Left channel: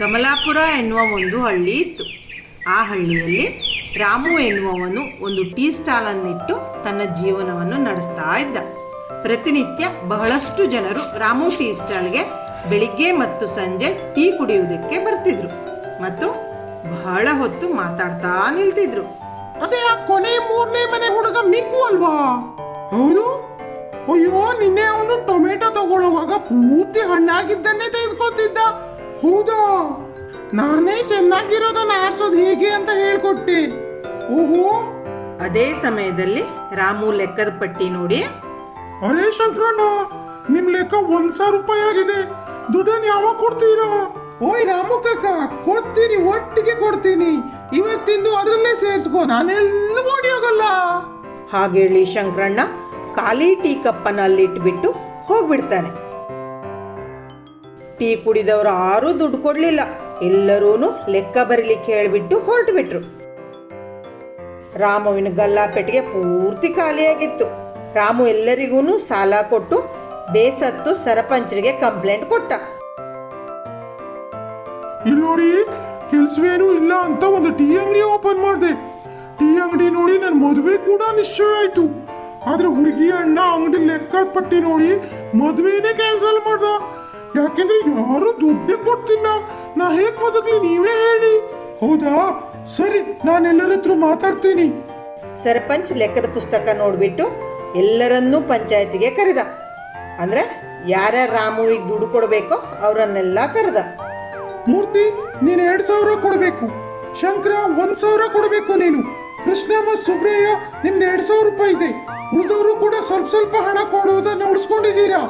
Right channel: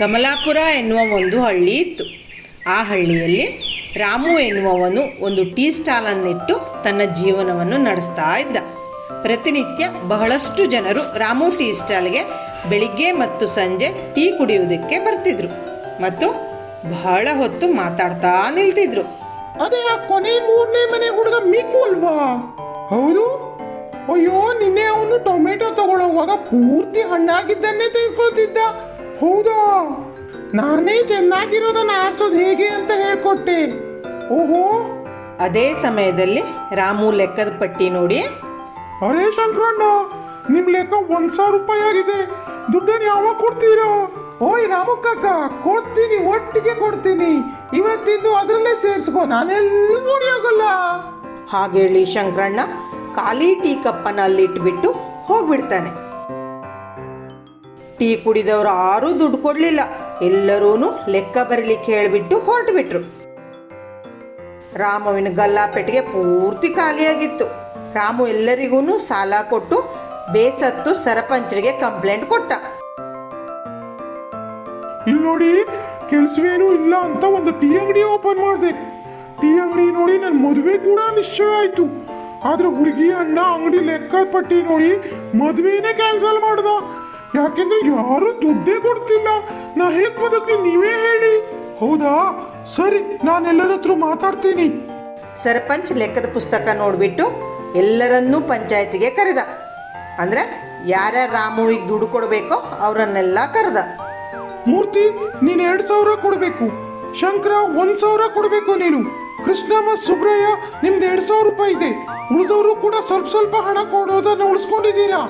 ಕಮಲಾಪುರ ಎನ್ನುವ ಒಂದು ಹಳ್ಳಿ ಇತ್ತು. ಆ ಹಳ್ಳಿಯಲ್ಲಿ ರಾಮು ಎನ್ನುವವನು ಒಂದು ಟೀ ಸ್ಟಾಲನ್ನಿಟ್ಟು ತನ್ನ ಜೀವನವನ್ನು ನಡೆಸ್ತಾ ಇದ್ದ. ಪ್ರತಿನಿತ್ಯ ಬಹಳಷ್ಟು ಜನರು ರಾಮು ಟೀ ಸ್ಟಾಲ್ಗೆ ಬೆಳಿಗ್ಗೆ ಮತ್ತು ಸಂಜೆ ಟೀ ಕುಡಿಯುವುದಕ್ಕೆ ಬರ್ತಿದ್ರು ಮತ್ತು ಬಹಳ ಹೊತ್ತು ಮಾತಾಡ್ತಾ ನಿಲ್ತಿದ್ರು. ಅದೇ ಆ ಕೊನೆ ಮೂರನೇ ಮನೆ ಹುಡುಗ ಮೀಕು ಅಲ್ವಾ? ಹೌದು. ಅಯ್ಯೋ, ನಿನ್ನೆ ಅವನು ಟೊಮೆಟೊ ತಗೊಳ್ಳುವಾಗ ಪೂರ್ತಿ ಹಣ್ಣಾಗಿದ್ದನ್ನೇ ತೆಗೆದುಕೊಳ್ತಿದ್ದ. ಹೌದಾ? ನಾನೇ ಚೆನ್ನಾಗಿರೋದನ್ನ ಆರಿಸೋದು ಹೇಗೆ ಅಂತ ಹೇಳ್ಕೊಟ್ಟೆ. ಓಹೋ. ಅದೇ ಸಮಯದಲ್ಲಿ ರಾಮು ಲೆಕ್ಕದ ಪಟ್ಟಿ ನೋಡಿ, ಅರೇ ಶಂಕರಣ್ಣ, ನಿಮ್ ಲೆಕ್ಕ 1,000 ರೂಪಾಯಿ ಆಗಿದೆ. ದುಡ್ಡನ್ನು ಯಾವಾಗ ಕೊಡ್ತೀರಾ? ಓಯ್ ರಾಮು ಕಾಕ, ಕೊಡ್ತೀನಿ, ಒಟ್ಟಿಗೆ ಕೊಡ್ತೀನಿ. ಇವತ್ತಿಂದು ಅದರಲ್ಲೇ ಸೇರಿಸ್ಕೋ, ನಾನೆಲ್ಲ ಹೋಗಲ್ಲ. ಹಾಗೇಳಿ ಶಂಕರಣ್ಣ ಖಾಲಿ ಟೀ ಕಪ್ಪನ್ನ ಅಲ್ಲಿಟ್ಬಿಟ್ಟು ಹೋಗ್ಬಿಡ್ತಾನೆ. ಟೀ ಕುಡಿದವರು ಯಾರೂ ದುಡ್ಡು ಕೊಡ್ಲಿಲ್ಲ. ಎಲ್ಲರೂ ಲೆಕ್ಕ ಬರೀಲಿಕ್ಕೆ ಹೇಳಿಬಿಟ್ಟು ಹೊರಟು ಬಿಟ್ರು. ರಾಮುವಿನ ಗಲ್ಲಾಪೆಟ್ಟಿಗೆ ಪೂರ್ತಿ ಖಾಲಿಯಾಗಿತ್ತು. ರಾಮು ಎಲ್ಲರಿಗೂ ಸಾಲ ಕೊಟ್ಟು ಬೇಸತ್ತು ಸರಪಂಚರಿಗೆ ಕಂಪ್ಲೇಂಟ್ ಕೊಟ್ಟ. ಇಲ್ಲಿ ನೋಡಿ, ಕೆಲ್ಸವೇನು ಇಲ್ಲ ಅಂತ ಒಂದು ಟೀ ಅಂಗಡಿ ಓಪನ್ ಮಾಡಿದೆ. ಟೀ ಅಂಗಡಿ ನೋಡಿ ನನ್ನ ಮದುವೆ ಕೂಡ ನಿಶ್ಚಯ ಆಯ್ತು. ಆದ್ರೆ ಹುಡುಗಿ ಅಣ್ಣ ಅಂಗಡಿ ಲೆಕ್ಕ ಪಟ್ಟಿ ನೋಡಿ ಮದುವೆನೇ ಕ್ಯಾನ್ಸಲ್ ಮಾಡ್ದ. ಯಾಕೆಂದ್ರೆ ಯಾರು ದುಡ್ಡೇ ಕೊಡ್ತಿಲ್ಲ. ನಾ ಹೇಗ್ ಬದುಕ್ಲಿ, ನೀವೇ ಹೇಳಿ. ಹೌದಾ? ಸರಿ, ನಾನೆಲ್ಲರ ಹತ್ರ ಮಾತಾಡ್ತೀನಿ. ಸರ್ಪಂಚ್ ಲೆಕ್ಕದ ಪುಸ್ತಕ ನೋಡ್ಬಿಟ್ಟು ಎಲ್ಲರನ್ನೂ ಪಂಚಾಯತಿಗೆ ಕರೆದ. ಅಂದ್ರೆ ಯಾರ್ಯಾರು ರಾಮುವಿಗೆ ದುಡ್ಡು ಕೊಡಬೇಕೋ ಅವರನ್ನೆಲ್ಲ ಕರೆದ. ಮೂರ್ತಿ, ನೀನು 2,000 ಕೊಡ್ಬೇಕು. ಶಂಕರ 1,000 ಕೊಡ್ಬೇಕು. ನೀನು ಕೃಷ್ಣ ಮತ್ತು ಸುಬ್ರಯ್ಯ, ನಿಮ್ದು 2,000 ರೂಪಾಯಿ ಇದೆ. ಉಳಿದವರು ಕೂಡ ಸ್ವಲ್ಪ ಸ್ವಲ್ಪ ಹಣ ಕೊಡೋದನ್ನ ಉಳಿಸ್ಕೊಂಡಿದ್ದೀರಾ.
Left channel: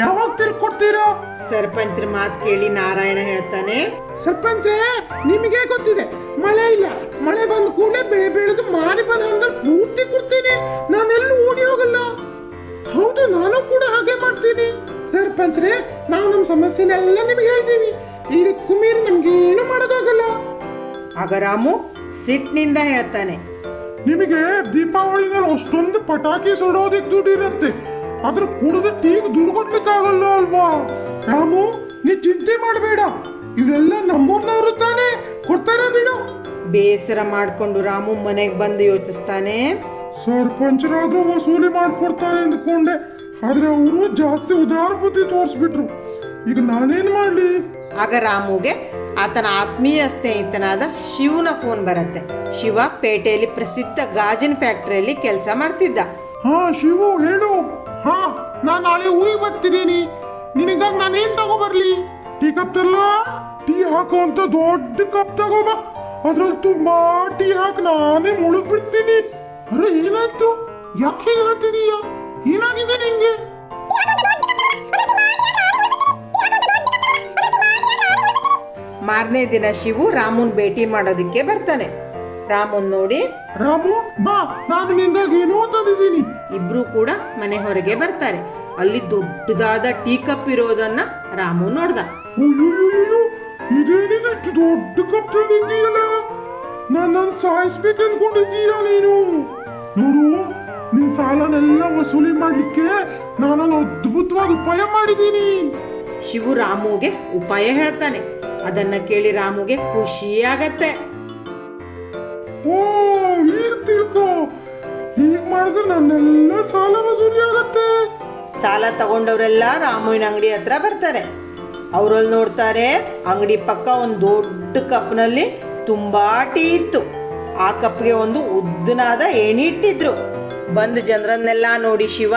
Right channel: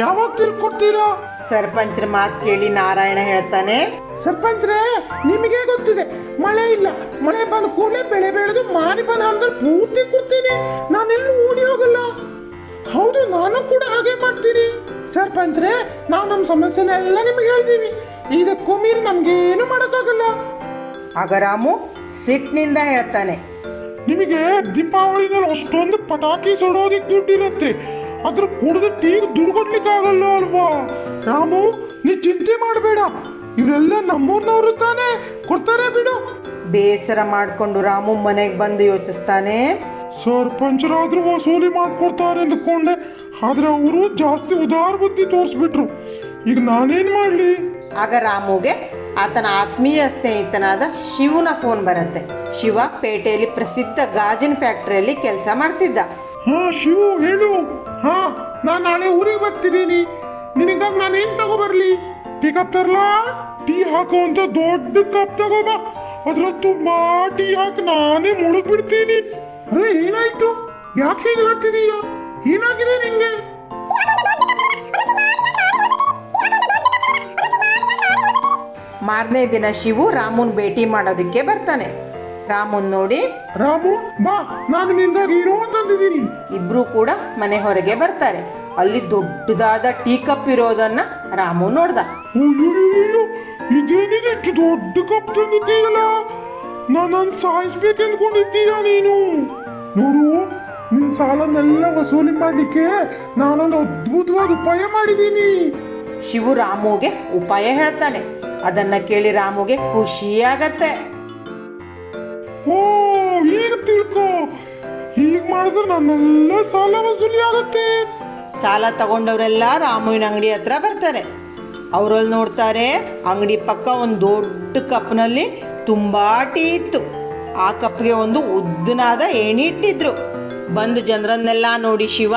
ಯಾವಾಗ ತಿರ್ಕೊಡ್ತೀರಾ? ಸರ್ಪಂಚ್ರ ಮಾತು ಕೇಳಿ ನಾರಾಯಣ ಹೇಳ್ತಾನೆ, ಸರ್ಪಂಚ್ರೇ, ನಿಮಗೆ ಗೊತ್ತಿದೆ, ಮಳೆ ಇಲ್ಲ. ಮಳೆ ಬಂದು ಕೂಡಲೇ ಬೆಳೆ ಬೆಳೆದು ಮಾರಿ ಬಂದ ಹಣ್ಣಲ್ಲಿ ಪೂರ್ತಿ ಕೊಡ್ತೀನಿ. ನಾನೆಲ್ಲೂ ಓಡಿ ಹೋಗಲ್ಲ. ಹೌದು, ನಾನು ಕೂಡ ಹಾಗೆ ಮಾಡ್ತೀನಿ. ಸರ್ಪಂಚ್ರೇ, ನಾವು ನಮ್ಮ ಸಮಸ್ಯೆನೆಲ್ಲ ನಿಮಗೆ ಹೇಳ್ತೀವಿ. ಈಗ ಕುಮೀರ್ ನಮ್ಗೆ ಏನು ಮಾಡೋಕ್ಕಾಗಲ್ಲ. ಆಗ ರಾಮು ಸಿಟ್ಟಿನಿಂದ ಹೇಳ್ತಾನೆ, ನಿಮಗೆ ದೀಪಾವಳಿನಲ್ಲಿ ಅಷ್ಟೊಂದು ಪಟಾಕಿ ಸುಡೋದಿಕ್ ದುಡ್ಡು ಇರುತ್ತೆ. ಅದ್ರ ಕುಡಿದು ಟೀಗೆ ದುಡ್ಡು ಕೊಡ್ಲಿಕ್ಕೆ ಆಗಲ್ಲ ಅಲ್ವಾ? ರಾಮು, ನೀ ಚಿಂತೆ ಮಾಡಬೇಡ. ಇವರೆಲ್ಲ ನಮ್ಮೂರ್ನವರು ತಾನೇ, ಕೊಡ್ತಾರೆ ಬಿಡು. ಬೇಸರ ಮಾಡ್ಕೊಂಡು ರಾಮು ಮನೆಗೆ ಬಂದು ಯೋಚಿಸ್ತಾನೆ, ಸರ್ಪಂಚರಾದ್ರೂ ವಸೂಲಿ ಮಾಡ್ಕೊಡ್ತಾರೆ ಅಂದ್ಕೊಂಡೆ. ಆದ್ರೆ ಅವರು ಜಾಸ್ತಿ ಉದಾರ ಬುದ್ಧಿ ತೋರಿಸ್ಬಿಟ್ರು. ಈಗ ನಾನೇನ್ ಮಾಡ್ಲಿ? ಆಗ ರಾಮುಗೆ ಆತನ ಆತ್ಮೀಯ ಸ್ನೇಹಿತನಾದ ಶಿವನ ಫೋನ್ ಬರುತ್ತೆ. ಶಿವ ಪೇಟೆಯಲ್ಲಿ ಪ್ರಸಿದ್ಧ ಗಾಜಿನ ಫ್ಯಾಕ್ಟರಿಯಲ್ಲಿ ಕೆಲಸ ಮಾಡ್ತಿದ್ದ. ಹಾ ಶಿವು, ಹೇಳು. ಹಾ, ನಾನ್ ನಾಳೆ ಊರಿಗೆ ಬರ್ತಿದ್ದೀನಿ. ನಿನಗಾಗಿ ನಾನೇನ್ ತಗೋಬರ್ಲಿ? ಟೀ ಕಪ್ ತರಲಾ? ಟೀ ಹಾಕೋ ಅಂತ ದೊಡ್ಡ ಕಪ್ ತಗೋಬಾ. ಅದ್ರಲ್ಲಿ ತುಂಬಾ ಟೀ ಹಾಕಿ ನಾನೇ ಮುಳುಗ್ ಬಿಡ್ತೀನಿ. ಅರೆ, ಏನಾಯ್ತು? ಯಾಕೆ ಹೀಗೆ ಹೇಳ್ತಿದೀಯ? ಏನಾಗಿದೆ ನಿಂಗೆ? ಮಾರನೇ ದಿನ ಶಿವು ರಾಮುನ್ ಭೇಟಿ ಮಾಡೋದಕ್ಕೆ ಬರ್ತಾನೆ. ರಾಮುನ್ ನೋಡಿ, ರಾಮು ಬಾ, ನಾನು ನಿಂಗಾಗಿ ಏನೋ ತಂದಿದ್ದೀನಿ. ಇಬ್ರು ಕೂಡ ಮನೆ ಹೊರಗೆ ಬರ್ತಾರೆ. ಅಲ್ಲಿ ದೊಡ್ಡದಾದ ಟೀ ಕಪ್ ಇರೋದನ್ನ ರಾಮು ನೋಡ್ದ. ಇದೇನಿದೆ, ಇಷ್ಟು ದೊಡ್ಡ ಕಪ್ ತಂದಿದ್ದೀಯಲ್ಲ? ನಾನು ಸಾಯಿಸ್ಬೇಕು ಅನ್ಕೊಂಡಿದ್ದೀಯ ನೀನು? ನೋಡು, ನಿನ್ ಸಾಲನೆಲ್ಲ ವಸೂಲಿ ಮಾಡ್ಲಿಕ್ಕೆ ನಾನೊಂದು ಅದ್ಭುತವಾದ ಉಪಾಯ ಮಾಡಿದ್ದೀನಿ. ಶಿವು ರಾಮುಗೆ ಉಪಾಯ ಹೇಳ್ತಾನೆ. ಅದನ್ನ ಕೇಳಿ ರಾಮುಗೆ ಖುಷಿಯಾಗತ್ತೆ. ಓ, ಈಗ ತಿಳ್ಕೊ. ಹೀಗ್ ಮಾಡಿದ್ರೆ ನನ್ನೆಲ್ಲ ಸಾಲ ವಸೂಲಿ ಆಗತ್ತೆ. ಸಾಲ ತಗೊಂಡವರೆಲ್ಲ ರಾಮುವಿನ ಅಂಗಡಿ ಹತ್ರ ಬರ್ತಾರೆ. ಅವರಲ್ಲಿ ನೋಡ್ತಾರೆ, ಅಂಗಡಿ ಪಕ್ಕ ಒಂದು ದೊಡ್ಡ ಕಪ್ನಲ್ಲಿ ತುಂಬಾ ಟೀ ಇತ್ತು. ಆ ಕಪ್ಗೆ ಒಂದು ಉದ್ದನಾದ ಏಣಿ ಇಟ್ಟಿದ್ರು. ಬಂದ ಜನರನ್ನೆಲ್ಲ ನೋಡಿ ಶಿವ,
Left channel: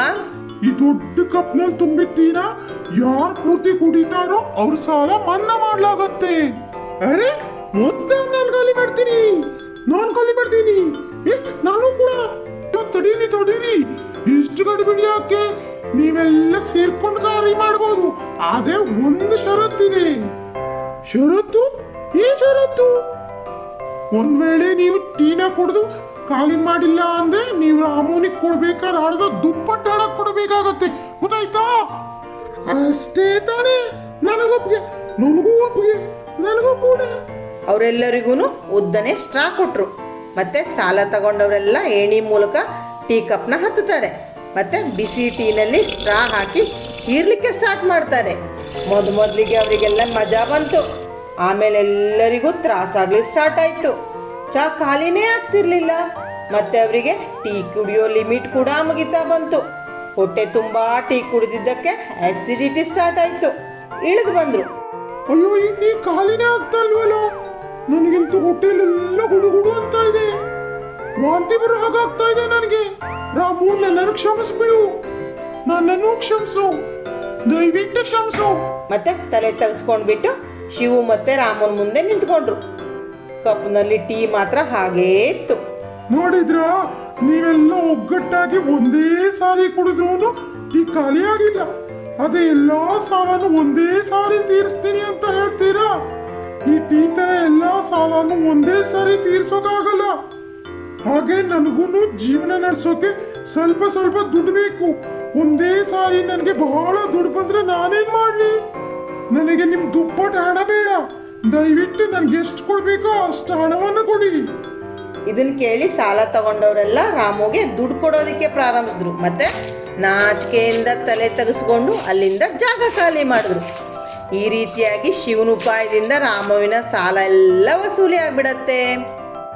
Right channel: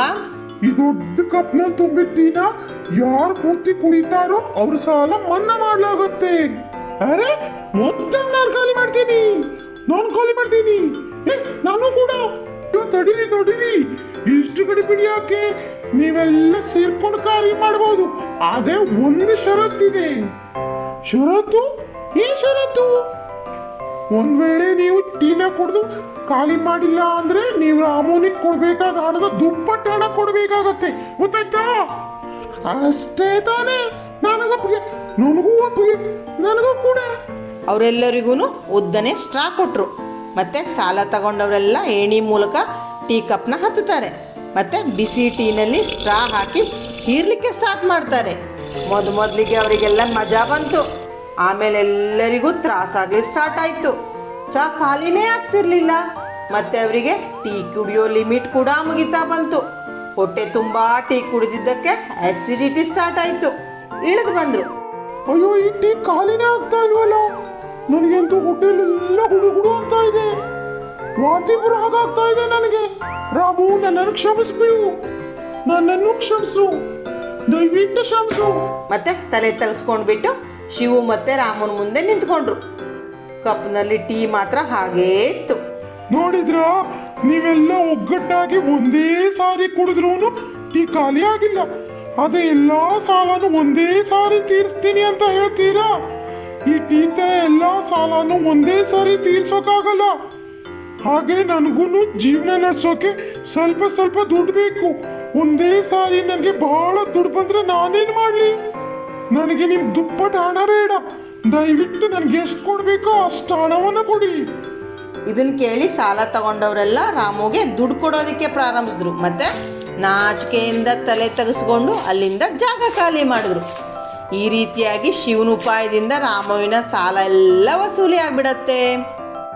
ಈ ದೊಡ್ಡ ಕಪ್ನ ತುಂಬಿದ್ದೀನ ಯಾರು ಪೂರ್ತಿ ಕುಡಿತಾರೋ ಅವ್ರ ಸಾಲ ಮನ್ನಾ ಮಾಡ್ಲಾಗತ್ತೆ. ಅರೆ, ಮೊತ್ತ ನಾನು ಖಾಲಿ ಮಾಡ್ತೀನಿ. ನಾನು ಕೂಡ. ತಡೀರಿ, ಇಷ್ಟು ಗಡಿಬಿಡಿ ಯಾಕೆ? ನೀವೆಲ್ಲ ಸೇರ್ಕೊಂಡು ಕಾರ್ಯ ಮಾಡಬಹುದು. ಆದ್ರೆ ಒಂದು ಷರತ್ತಿದೆ. ಷರತ್ತು? ಈ ಷರತ್ತು, ಒಂದ್ ವೇಳೆ ನೀವು ಟೀನ ಕುಡಿದು ಖಾಲಿ ಮಾಡಿಲ್ಲ ಅಂದ್ರೆ ನೀವು ರಾಮುನಿಗೆ ಕೊಡ್ಬೇಕಾದ ಹಣದ ದುಪ್ಪಟ್ಟು ಹಣ ಕೊಡ್ಬೇಕಾಗತ್ತೆ. ಗೊತ್ತಾಯ್ತಾ? ಅಷ್ಟೇ ತಾನೇ? ನನಗೂ ಒಪ್ಪಿಗೆ. ನನಗೂ ಕೂಡ. ಅವರೆಲ್ಲರಿಗೂ ಉದ್ದನೆ ಸ್ಟ್ರಾ ಕೊಟ್ರು. ಮತ್ತು ಸಾಲ ತಗೊಂಡವರೆಲ್ಲ ಏಣಿ ಮೂಲಕ ಟೀ ಕಪ್ನ ಹತ್ತುತ್ತಾರೆ. ಮತ್ತು ಬಿಸಿ ಟೀನಲ್ಲಿ ಸ್ಟ್ರಾ ಹಾಕಿ ಹೀರ್ಲಿಕ್ಕೆ ಸ್ಟಾರ್ಟ್ ಮಾಡ್ತಾರೆ. ಮೊದಲಿಗೆ ಅವರಿಗೆಲ್ಲ ಮಜಾ ಬಂತು. ಆಮೇಲೆ ಎಲ್ಲರಿಗೂ ತ್ರಾಸಾಗ್ಲಿ ಸ್ಟಾರ್ಟ್ ಆಯಿತು. ಚಹಾ ಖಾಲಿನೇ ಆಗ್ತಿರ್ಲಿಲ್ಲ. ಮತ್ತು ಅವರಿಗೆ ಟೀ ಕುಡಿಯೋ ಲಿಮಿಟ್ ಕೂಡ ಮುಗಿತಾ ಬಂತು. ಹೊಟ್ಟೆ ತುಂಬ ಟೀ ಕುಡಿದಿದ್ದಕ್ಕೆ ಆಸಿಡಿಟಿ ಸ್ಟಾರ್ಟ್ ಆಯಿತು. ಇಳಿದು ಬಂದರು. ಅಯ್ಯೋ ಈ ಟೀ ಖಾಲಿನೇ ಆಗ್ತಾ ಇಲ್ವಲ್ಲ, ನನಗಂತೂ ಹೊಟ್ಟೆಲೆಲ್ಲ ಗುಡುಗುಡು ಅಂತ ಇದೆ, ವಾಂತಿ ಬರೋ ಹಾಗಾಗ್ತಾ ಇದೆ ನನಗೆ. ರಾಮು ನನ್ನನ್ನು ಕ್ಷಮಿಸ್ಬಿಡು, ನನ್ನನ್ನು ಕ್ಷಮಿಸು, ದಯವಿಟ್ಟು ಕ್ಷಮಿಸು. ಮತ್ತೆ ತಲೆ ತೆಗೆಸ್ಕೊಂಡ್ಬಿಟ್ಟು ಶಿವು ಮತ್ತೆ ರಾಮನ ಮುಂದೆ ನಿಂತ್ಕೊಂಡ್ರು. ಕಪ್ನಲ್ಲಿ ಟೀ ಮಾತ್ರ ಹಾಗೇ ಇತ್ತು. ನೋಡಿದ್ರ, ನೀವೆಲ್ಲ ಒಗ್ಗಟ್ಟಾಗಿ ಒಂದೇ ಸಾರಿ ಕುಡಿದ್ರು ಟೀ ಖಾಲಿ ಆಗಿಲ್ಲ. ಅದೇ ಎಲ್ಲಾ ಸಾಲನು ಒಂದೇ ಸಾರಿ ತೀರಿಸ್ತೀನಿ ಅಂತ ಹೇಳ್ತೀರಾ? ಈ ಟೀ ತರ ಎಲ್ಲಾ ಸಾಲನು ಒಂದೇ ಸಾರಿ ತೀರ್ಸೋಕಾಗಲ್ಲ. ಹಾಗೆ ನನಗೂ ಜೀವನ ನಡೆಸೋಕೆ ಸ್ವಲ್ಪ ಸ್ವಲ್ಪ ದುಡ್ಡು ಬೇಕು. ಒಂದೇ ಸಾರಿ ನನಗೆ ಬಹಳ ದುಡ್ಡು ಬಂದ್ರೆ ನಾನೇನ್ ಮಾಡ್ಲಿ? ನನಗೆ ನಿಮ್ ದುಪ್ಪಟ್ಟು ಹಣ ಬೇಡ. ದಯವಿಟ್ಟು ನನ್ಗೆ ಎಷ್ಟು ಕೊಡ್ಬೇಕೋ ಅಷ್ಟು ಹಣವನ್ನ ಕೊಡಿ. ಇದನ್ನ ಕೇಳಿ ಸಾಲ ತಗೊಂಡವರೆಲ್ಲ ರಾಮುಗೆ ದುಡ್ಡು ಕೊಡೋದಕ್ಕೆ ಪ್ರಾರಂಭಿಸಿದ್ರು. ಮತ್ತೆ ನಾಚಿಕೆಯಿಂದ ತಲೆ ತೆಗೆಸ್ಕೊಂಡು ಅಲ್ಲಿಂದ ಜಾಗ ಖಾಲಿ ಮಾಡಿದ್ರು. ಈ ರೀತಿಯಾಗಿ ಶಿವನ ಉಪಾಯದಿಂದ ರಾಮುವಿನ ಸಾಲ ಎಲ್ಲ ವಸೂಲಿ ಆಗ್ಬಿಡತ್ತೆ.